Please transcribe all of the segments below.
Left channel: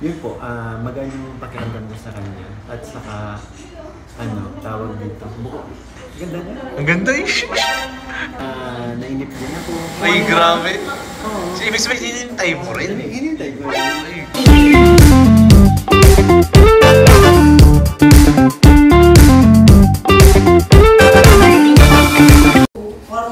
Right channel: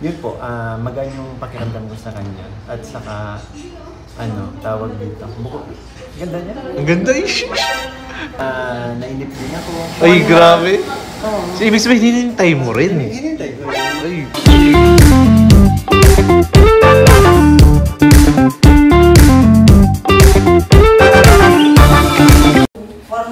Yun po, magaan yung pakiramdam ko sa kanya. At saka, tawag dito. Ganda niya. Ang ganda eh. Nainip din ako. Ay, grabe. Oo. So, ibig sabihin, hinintay mo rin eh. Hinintay ko.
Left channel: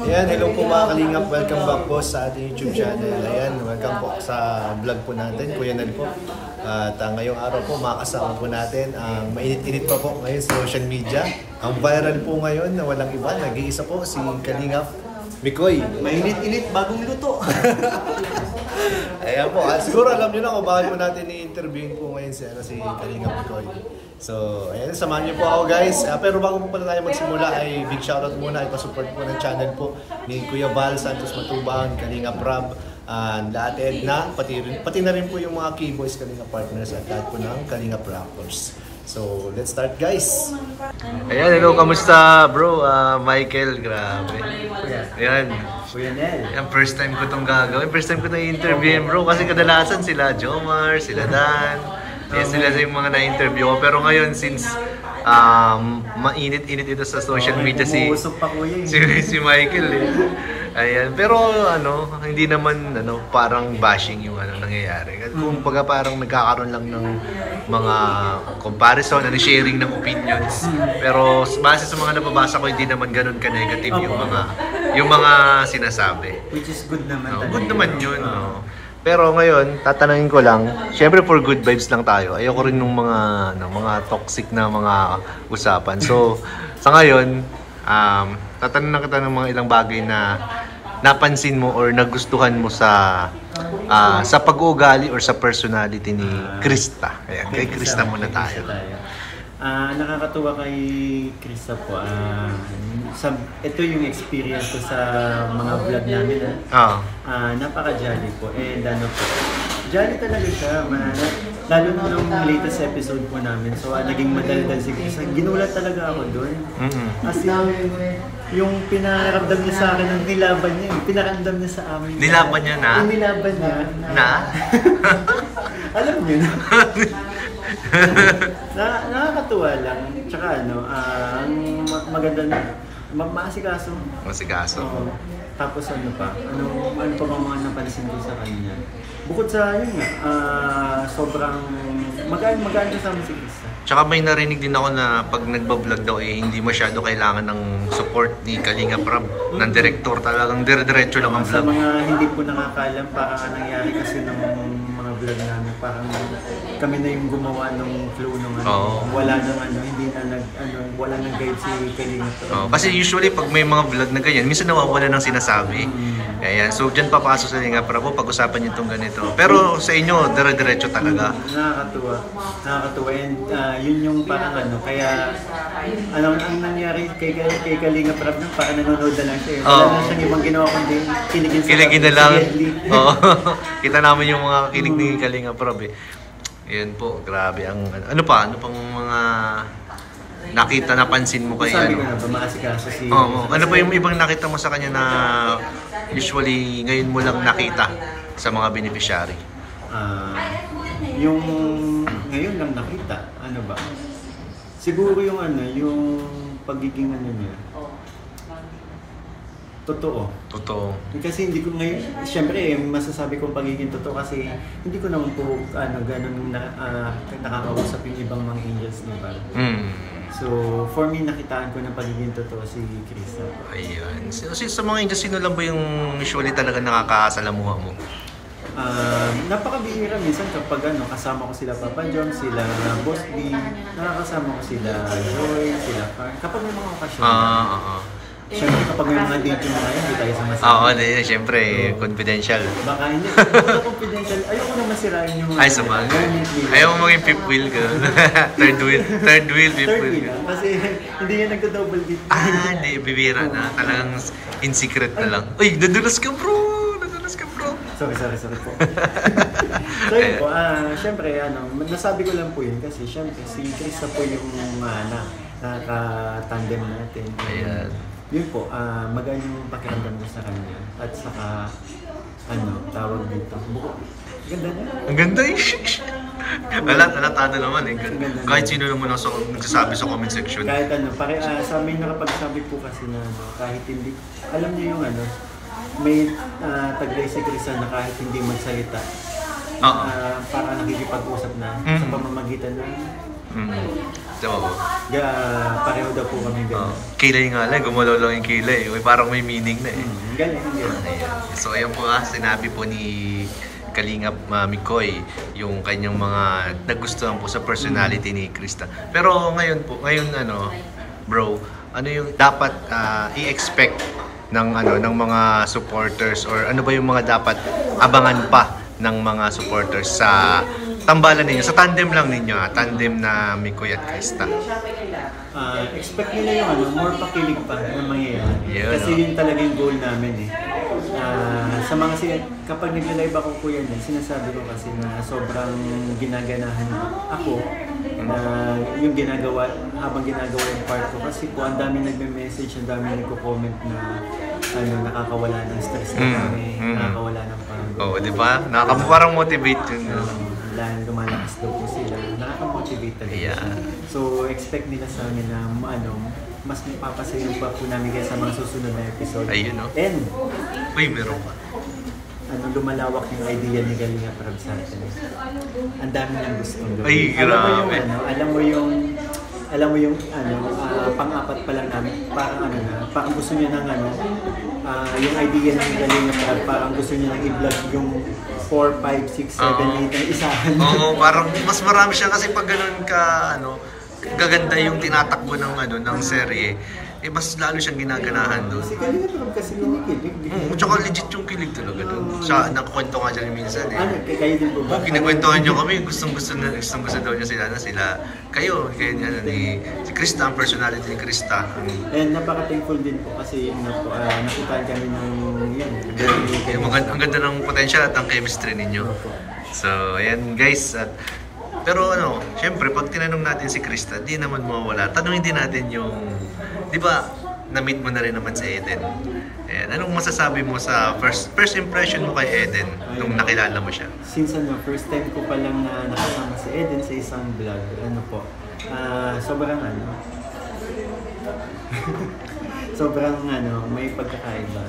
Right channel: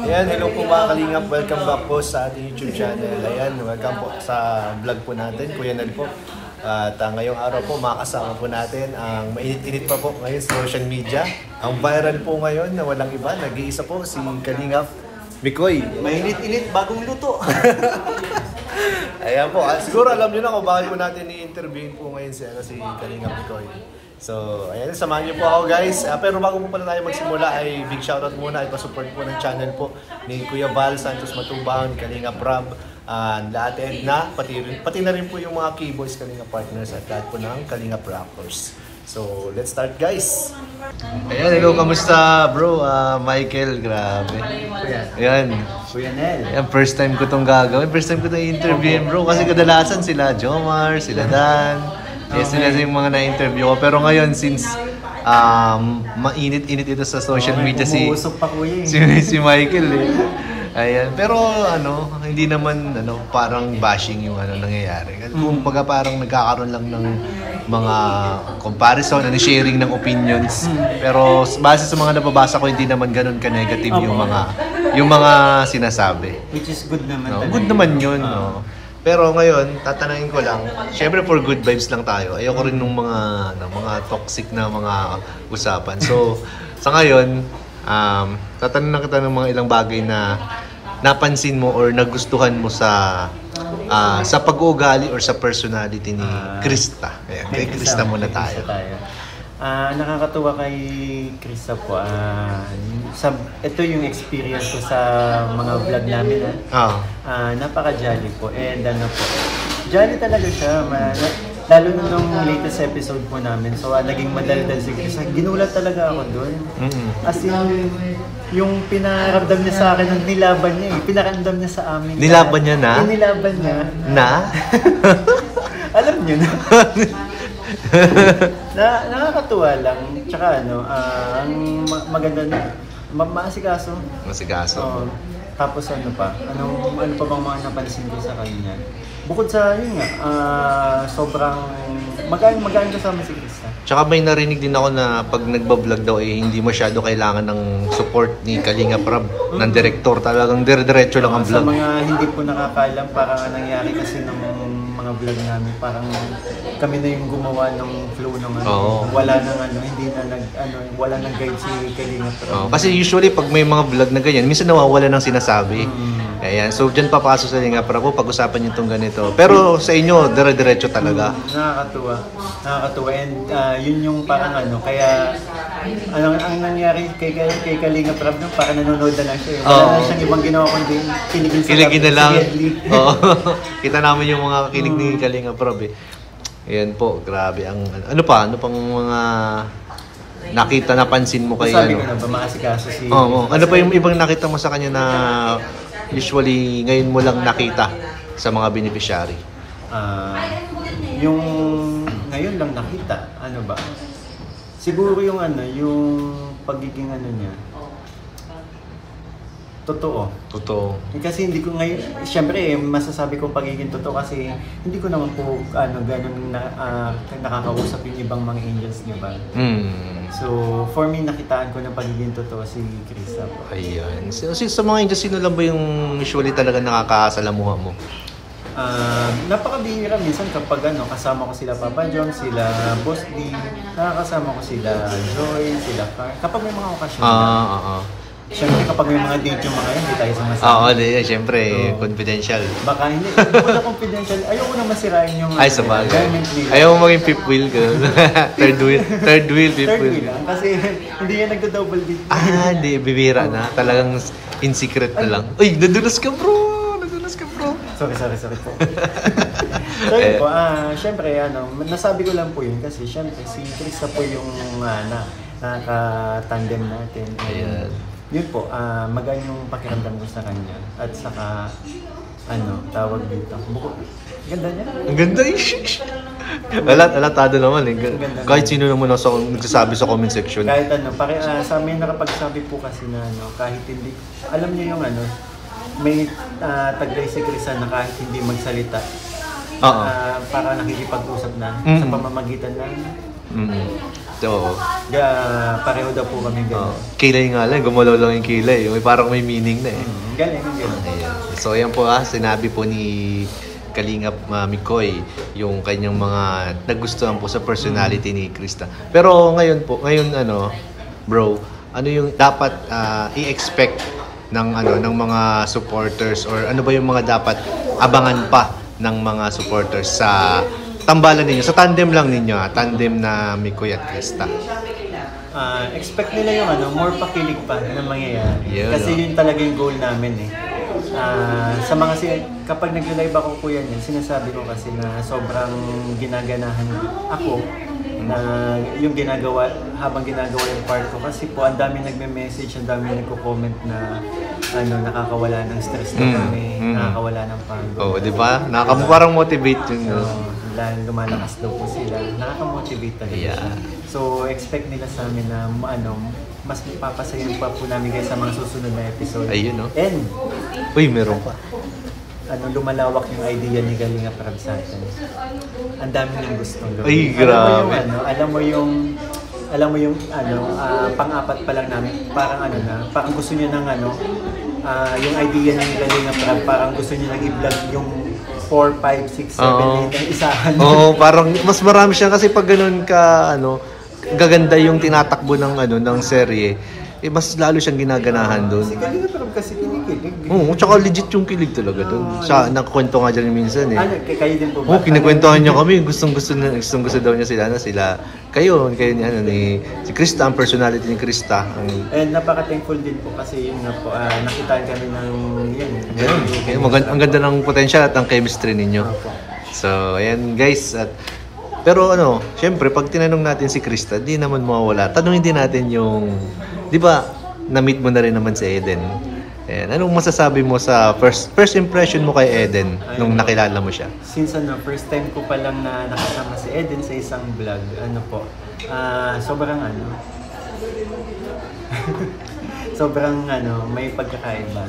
Ayan, hello po mga kalingap. Welcome back po sa ating YouTube channel. Ayan, welcome po sa vlog po natin, Kuya Nel po. At ngayong araw po, makakasama po natin ang mainit-init pa po ngayon sa social media. Ang viral po ngayon na walang iba, nag-iisa po si Kalingap Mikoy. Mainit-init, bagong luto. Ayan po, siguro alam nyo na kung bakit po natin i-interviewin po ngayon si Kalingap Mikoy. So, ayan, samahan niyo po ako guys. Pero bago po pala tayo magsimula ay big shoutout muna at pa-support po ng channel po ni Kuya Val Santos Matubang, Kalingap Rob, lahat Edna, pati na rin po yung mga K-Boys Kalingap partners at lahat po ng Kalingap Rappers. So, let's start guys! Ayan, hello, kamusta bro? Michael, grabe. Ayan. Kuya Nel. Ayan, first time ko itong gagawin. First time ko itong interviewin bro. Kasi kadalasan sila Jomar, sila Dan. Yes, sila yung mga na-interview ko. Pero ngayon, since mainit-init ito sa social media si Michael eh. Ayan. Pero hindi naman parang bashing yung nangyayari. Kung parang nagkakaroon lang ng mga comparison, sharing ng opinions. Pero base sa mga nababasa ko, hindi naman ganun ka-negative yung mga sinasabi. Which is good naman. No, good naman yun. No. Pero ngayon, tatanungin ko lang, syempre for good vibes lang tayo. Ayoko rin nung mga toxic na mga usapan. So, sa ngayon, tatanungin kita ng mga ilang bagay na napansin mo or nagustuhan mo sa pag-uugali or sa personality ni Krista. Ayan, kay Krista muna tayo. Nakakatuwa kay Krista po. Ito yung experience ko sa mga vlog namin. Napaka-jolly po. And jolly talaga siya. Lalo nung latest episode po namin. So, naging madaldal si Krista. Ginulat talaga ako doon. As yung pinaramdam niya sa akin, yung nilaban niya. Yung pinaramdam niya sa amin. Nilaban niya na? Yung nilaban niya. Na? Alam niyo na. Nakakatuwa lang. Tsaka ang maganda na maasikaso. Masikaso. Tapos ano pa bang mga napansin ko sa kanya? Bukod sa yun nga, sobrang magaan kasama si Krista. Tsaka may narinig din ako na pag nagbablog daw hindi masyado kailangan ng support ni Kalingap Rob, ng director. Talagang dire-diretso lang ang vlog. Sa mga hindi po nakakaalam, parang nangyari kasi ng mga vlog namin, parang kami na yung gumawa ng flow ng wala nang wala nang guide si Kalingap Rob. Kasi usually pag may mga vlog na ganyan, minsan nawawala ng sinasabi. Ayan, so dyan papasok sa Kalingap Rob, pag-usapan niyo itong ganito. Pero sa inyo, dire-diretso talaga. Nakakatuwa. And yun yung parang kaya ang nangyari kay Kalingap Rob nung parang nanonood na lang siya. Wala na siyang ibang ginawa kundi kiligin na lang. Kita namin yung mga kilig ni Kalingap Rob eh. Ayan po, grabe. Ano pang mga napansin mo kay sabi ko na ba, maasikaso si... ano pa yung ibang nakita mo sa kanya na usually ngayon mo lang nakita sa mga beneficiary? Yung ngayon lang nakita, siguro yung yung pagiging niya, totoo. Kasi hindi ko ngayon, syempre masasabi ko pagiging totoo kasi hindi ko naman po ganun nakakausap yung ibang mga angels niya ba. So for me, nakitaan ko ng pagiging totoo si Krista po. Ayan. So, sa mga angels, sino lang ba yung usually talaga nakakasalamuha mo? Napakabihira minsan kapag kasama ko sila Papa John, sila Boss D, nakakasama ko sila Joy, sila Car. Kapag may mga okasyon. Siyempre kapag may mga date yung mga yun, hindi tayo sumasama. Siyempre, confidential. Baka hindi ko confidential. Ayoko naman masirain yung... Ayaw mo maging fifth wheel. Third wheel, fifth wheel. Kasi hindi yan nagdo-double date. Hindi, bibira na. Talagang in secret na lang. Uy, nadulas ka bro! Sorry po. So yun po, siyempre, nasabi ko lang po yun kasi siyempre si Krista po yung nakaka-tandem natin. Ayan. Yun po, magaan yung pakiramdam ko sa kanya. At saka, tawag dito. Ganda niya. Ang ganda eh. Alatado naman eh. Kahit sino naman nagsasabi sa comment section. Kahit ano, sa amin nakapagsabi po kasi na kahit hindi, alam niyo yung may taglay si Krista na kahit hindi magsalita, para nakikipag-usap na sa pamamagitan ng pareho daw po kami gano'n. Kilay nga lang, gumalaw lang yung kilay. Parang may meaning na eh. Galing. So ayan po sinabi po ni Kalingap Mikoy yung kanyang mga nagustuhan po sa personality ni Krista. Pero ngayon bro, ano yung dapat i-expect ng mga supporters, or ano ba yung mga dapat abangan pa ng mga supporters sa tambalan ninyo, sa tandem lang ninyo, tandem na Mikoy at Krista? Expect nila yung more pakilig pa na mangyayari. Kasi yun talaga yung goal namin eh. Sa mga kapag nagla-live ako po yan, sinasabi ko kasi na sobrang ginaganahan ako na yung habang ginagawa yung part ko, kasi po ang dami nagme-message, ang dami nagko-comment na nakakawala ng stress na kami, nakakawala ng pagod. Di ba? Parang motivate yun. Dahil lumalakas daw po sila, nakaka-motivate talaga siya. So expect nila sa amin na mas papasayo pa po namin guys sa mga susunod na episode. Ayun, no? And meron pa. Lumalawak yung idea ni Kalinga Prab sa atin. Ang dami niyang gustong gawin. Ay, grabe. Alam mo yung pang-apat pa lang namin, parang gusto niya ng yung idea ng Kalinga Prab, parang gusto niya nang i-vlog yung 4, 5, 6, 7, 8 na isahan. Parang mas marami siya kasi pag ganun ka gaganda yung tinatakbo ng serye, mas lalo siyang ginaganahan doon. Si Kalinga Prab kasi kinikilig. Tsaka legit yung kilig talaga doon. Siya, nakwento nga dyan minsan eh. Kayo din po ba? Kinakwentuhan niya kami, gustong-gusto daw niya sila. Kayo ni si Krista, ang personality ni Krista. And napaka-thankful din po kasi yun nga po, nakitaan kami ng ang ganda ng potential at ng chemistry ninyo. So, ayan guys, pero syempre pag tinanong natin si Krista, di naman mawawala. Tanungin din natin yung, di ba, na-meet mo na rin naman si Eden. Anong masasabi mo sa first impression mo kay Eden nung nakilala mo siya? Since first time ko pa lang na nakasama si Eden sa isang vlog, sobrang sobrang may pagkakaiba.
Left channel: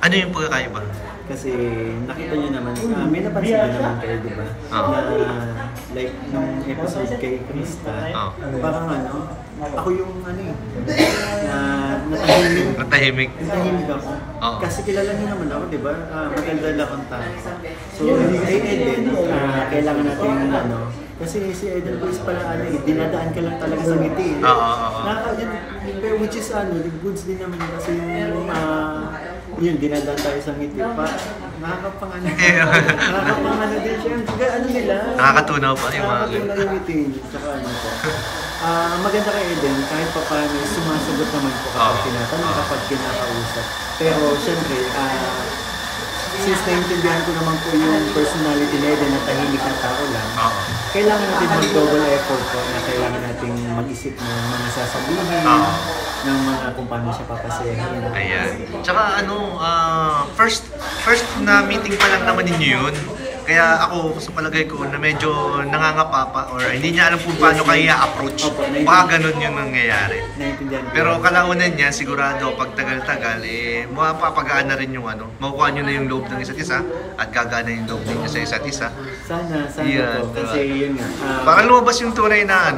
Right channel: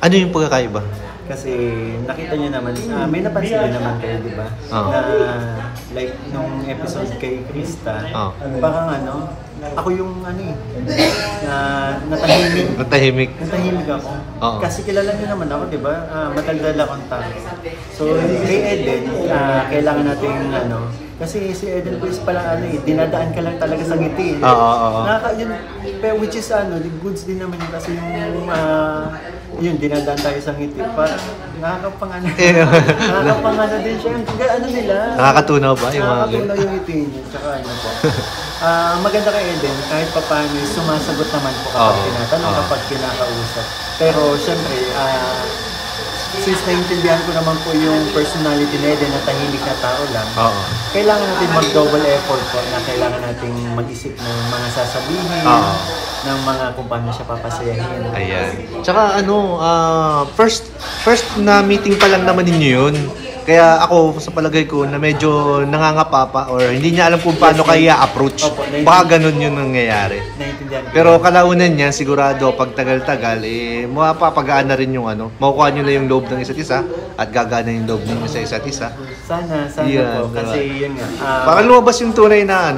Ano yung pagkakaiba? Kasi nakita niyo naman, may napansin din naman kayo, di ba? Na like nung episode kay Krista, parang ako yung natahimik ako. Kasi kilala niyo naman ako, di ba? Matagal akong tao. So kay Eden, kailangan natin kasi si Eden Boys pala dinadaan ka lang talaga sa ngiti. Which is goods din naman yun kasi yung dinadaan tayo sa ngiti. Parang nakakapang din siya. Nila. Nakakatunaw ba? Nakakatunaw yung ngiti niya. Tsaka po. Maganda kay Eden, kahit pa paano sumasagot naman po kapag tinatanong, kapag kinakausap. Pero syempre, since naiintindihan ko naman po yung personality na Eden na tahimik na tao lang, kailangan natin mag-double effort po na kailangan natin mag-isip ng mga sasabihin, ng mga kung paano siya papasayahin. Ayan. Tsaka first na meeting pa lang naman ninyo yun. Kaya ako sa palagay ko na medyo nangangapa pa or hindi niya alam kung paano kaya approach. Baka ganun yun nangyayari. Pero kalaunan niya, sigurado pag tagal-tagal, mapapagaan na rin yung makukuha nyo na yung loob ng isa't isa at gagana yung loob ng isa't isa. Sana po. Kasi yun nga. Para lumabas yung tunay na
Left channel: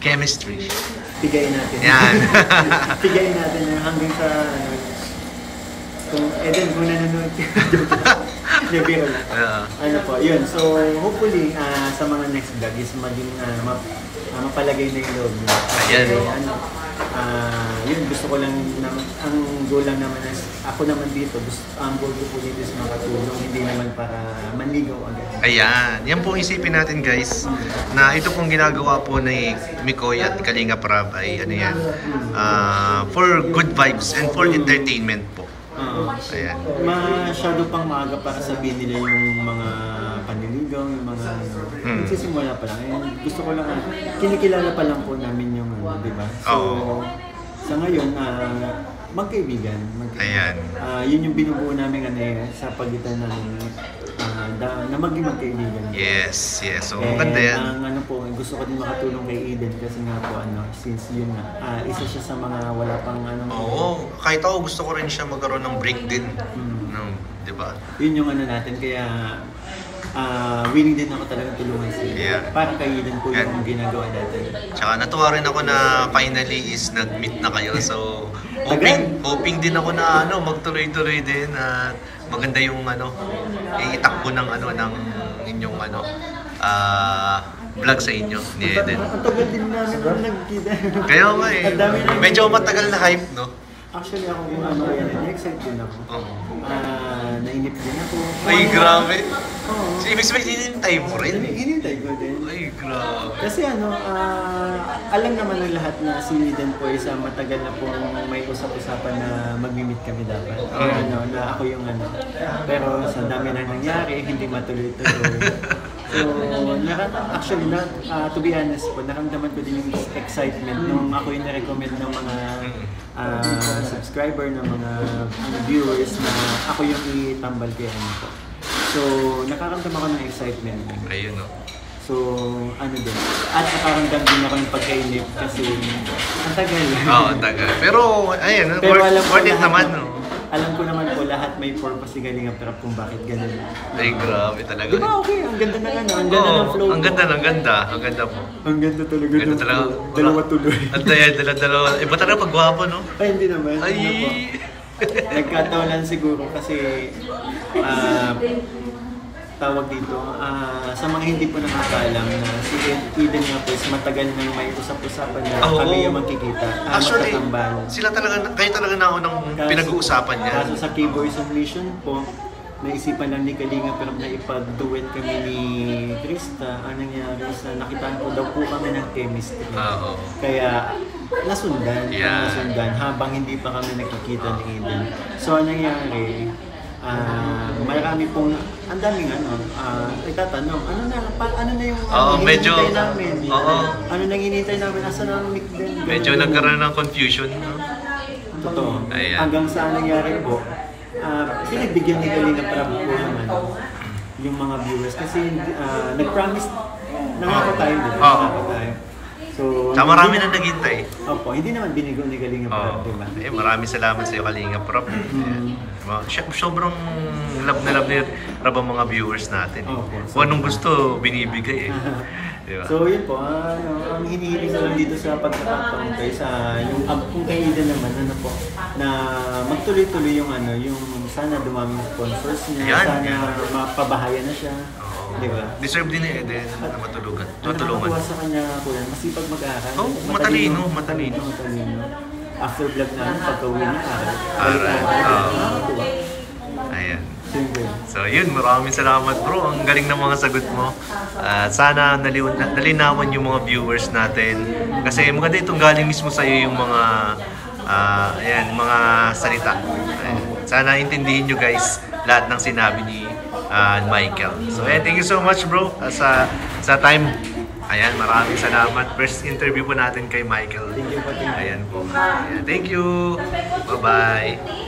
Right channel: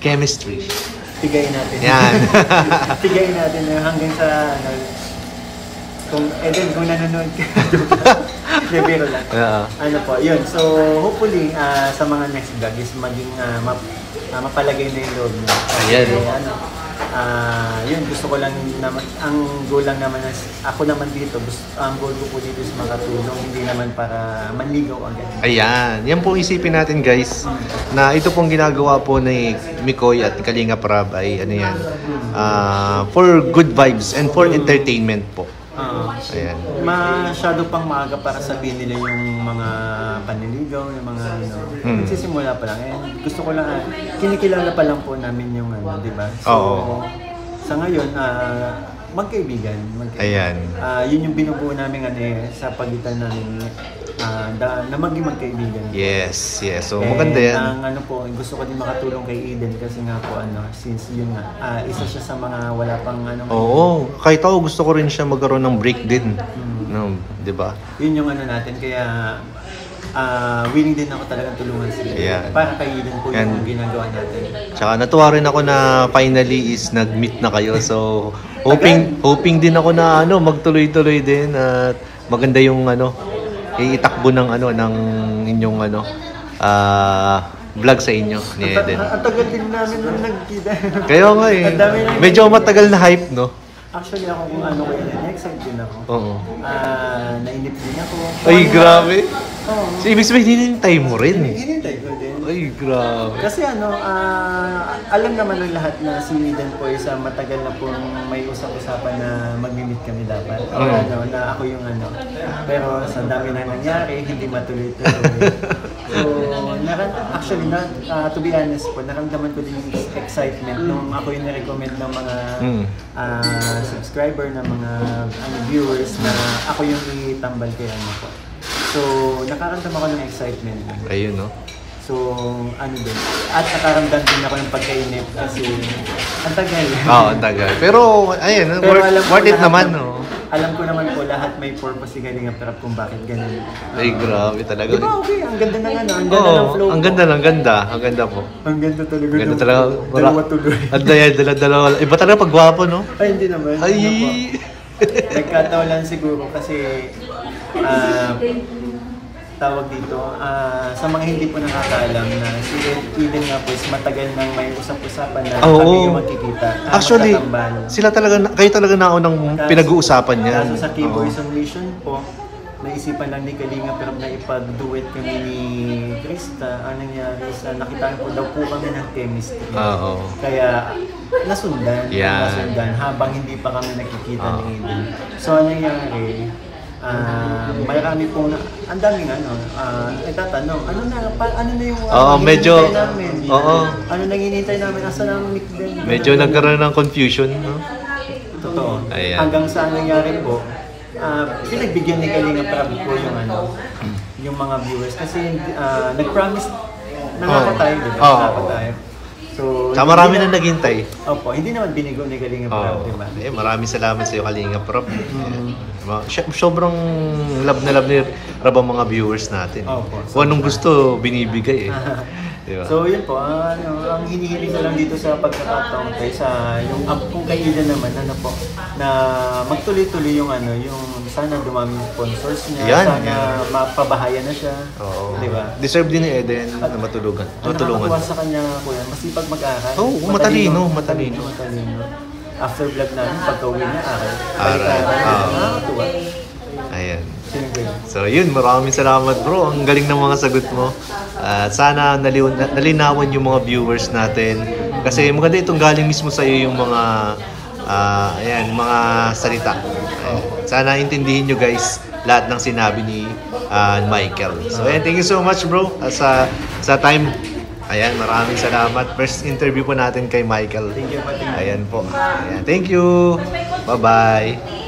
chemistry. Tigayin natin. Yan. Tigayin natin hanggang sa kung Eden, kung nanonood ka, biro lang. Yun. So, hopefully, sa mga next vlog is maging mapalagay na yung loob niya. Yun, gusto ko lang naman, ang goal lang naman is, ako naman dito, ang goal ko po dito is makatulong, hindi naman para manligaw agad. Ayan, yan po isipin natin guys, na ito pong ginagawa po ni Mikoy at Kalinga Prab ay for good vibes and for entertainment po. Ayan. Masyado pang maaga para sabihin nila yung mga panliligaw, yung mga nagsisimula pa lang. And gusto ko lang, kinikilala pa lang po namin yung di ba? So, sa ngayon, magkaibigan. Ayan. Yun yung binubuo namin sa pagitan namin na maging magkaibigan. Yes. So maganda yan. Ang ano po, gusto ko din makatulong kay Eden kasi nga po since yun nga, isa siya sa mga wala pang Oo, kahit ako gusto ko rin siya magkaroon ng break din. No, 'di ba? Yun yung natin, kaya willing din ako talagang tulungan siya. Yeah. Para kay Eden po yung ginagawa natin. Tsaka natuwa rin ako na finally is nag-meet na kayo. So hoping din ako na magtuloy-tuloy din at maganda yung itakbo ng ng inyong vlog sa inyo ni Eden. Ang tagal din namin nagkita. Kaya nga medyo matagal na hype, no? Actually ako kung kaya na-excite din ako. Oo. Nainip din ako. Ay, grabe. Oo. So, ibig sabihin, hinintay mo rin eh. Hinintay ko din. Ay, grabe. Kasi alam naman ng lahat na si Eden po isa matagal na pong may usap-usapan na mag-meet kami dapat. Or na ako yung Pero sa dami na nangyari, hindi matuloy-tuloy. So, actually, to be honest po, naramdaman ko din yung excitement nung ako yung na-recommend ng mga subscriber, ng mga viewers na ako yung itambal kay po. So, nakaramdam ako ng excitement. Ayun, no? So, din. At nakaramdam din ako ng pagkainip kasi ang tagal. Oo, ang tagal. Pero, ayun, worth it naman, no? Alam ko naman po lahat may purpose si Kalingap Rap kung bakit ganun. Ay, grabe talaga. Diba okay? Ang ganda ng ang ganda ng flow. Ang ganda. Ang ganda po. Ang ganda talaga ng flow. Dalawa tuloy. Dalawa. Iba talaga pag gwapo, no? Ay, hindi naman. Ay! Nagkataon lang siguro kasi tawag dito, sa mga hindi po nakakaalam na si Eden nga po is matagal nang may usap-usapan na kami yung magkikita. Actually, kayo talaga naunang pinag-uusapan niya. Kaso sa K-Boys on Mission po, naisipan lang ni Kalinga pero na ipag-duet kami ni Krista. Ang nangyari nakitaan po daw po kami ng chemistry. Kaya nasundan habang hindi pa kami nakikita ni Eden. So ang nangyari, marami pong ang daming nagtatanong ano na yung hinihintay namin ano nang hinihintay namin asa nang Nick din medyo nagkaroon ng confusion, no? Totoo. Hanggang sa nangyari po pinagbigyan ni Kalinga Prab po yung mga viewers kasi nag-promise nangako tayo tayo. So, marami na naghintay. Opo, hindi naman binigo ni Kalinga Prab, di ba? Maraming salamat sa iyo, Kalinga Prab. Sobrang love na love ni Rab ang mga viewers natin. Kung anong gusto, binibigay Diba? So yun po, ang hinihiling ko lang dito sa pagkakataon sa yung kung kay Eden naman na magtuloy-tuloy yung yung sana dumami sponsors niya, sana mapabahayan na siya. Di ba? Deserve din ni Eden na matulungan. Nakakatuwa sa kanya kuya, masipag mag-aral. Matalino. After vlog namin, pagka-uwi niya, balik-aral. Nakakatuwa. Ayan. So yun, maraming salamat bro. Ang galing ng mga sagot mo. Sana nalinawan yung mga viewers natin. Kasi maganda itong galing mismo sa iyo yung mga mga salita. Sana intindihin nyo guys lahat ng sinabi ni Michael. So thank you so much bro sa time. Ayan, maraming salamat. First interview po natin kay Michael. Thank you. Ayan po. Ayan, thank you. Bye-bye.